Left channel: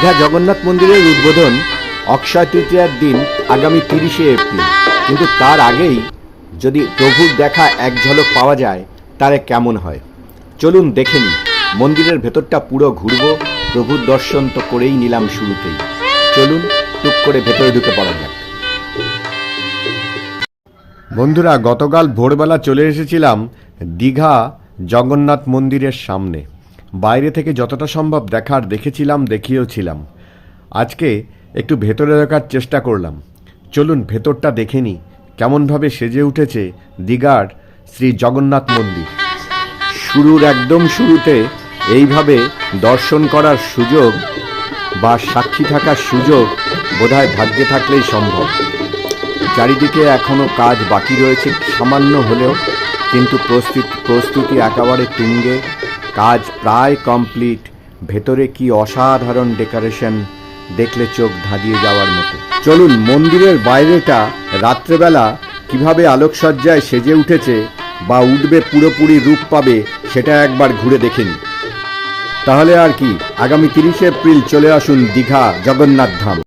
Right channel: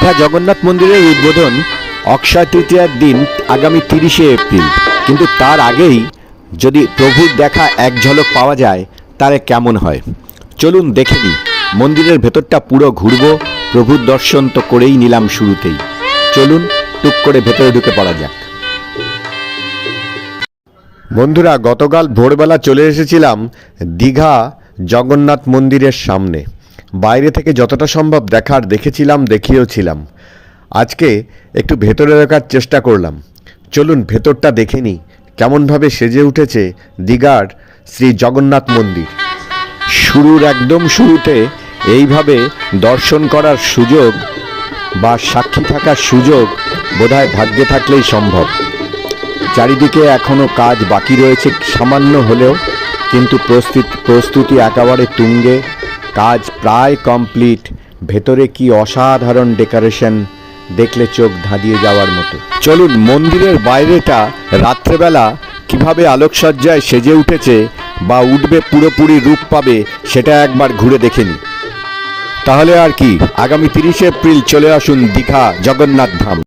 দীঘা জগন্নাথ মন্দিরের উদ্বোধন অক্ষয় তৃতীয়ার দিন আগামী 30শে এপ্রিল। কিন্তু তার আগেই যদি প্রভুর দেখা এক ঝলক পাওয়া যায় তাহলে কেমন হয়? চলুন দেখে নিই। মন্দিরের ভেতরটা পুরো ঘুরব, প্রভুর দর্শন তো করেই নিলাম শুরুতেই। চলুন টুক করে ভেতরে ঢুকে পড়া যাক। বন্ধুরা, গতকাল ভোরবেলা চলে এসেছিলাম দীঘা জগন্নাথ মন্দিরের সামনে। বাইরে থেকে যতটা সম্ভব দেখার দেখেছিলাম, দেখিয়েওছিলাম। আজকে একটু ভেতরে দেখার চেষ্টা করলাম। চলুন ভেতরটা দেখে নিই কেমনভাবে সেজে উঠেছে দীঘার শ্রী জগন্নাথ মন্দির। শুরুর একদম শুরুতে এইভাবে দর্শন করার সুযোগ বা সাক্ষী থাকার সুযোগ বোধহয় ভাগ্যে থাকলেই সম্ভব। চারিদিকে এখনও কাজ বাকি রয়েছে সামান্য হলেও, কিন্তু প্রস্তুতি একেবারে তুঙ্গে, কাজ প্রায় কমপ্লিট। ভেতরে কি অসাধারণ ডেকোরেশন, দেখলে চোখ ধাঁধিয়ে যাওয়ার মতো। চলুন মন্দিরের বাইরেটা রাত্রেবেলা কিভাবে আলোকসজ্জায় সেজে উঠেছে বা উঠবে, পুরোপুরি রূপ পাবে, সেটা একবার ঘুরে দেখে নিই। তাহলে আর কি, আগামী 30শে এপ্রিল চলে আসুন দীঘা জগন্নাথ ধাম।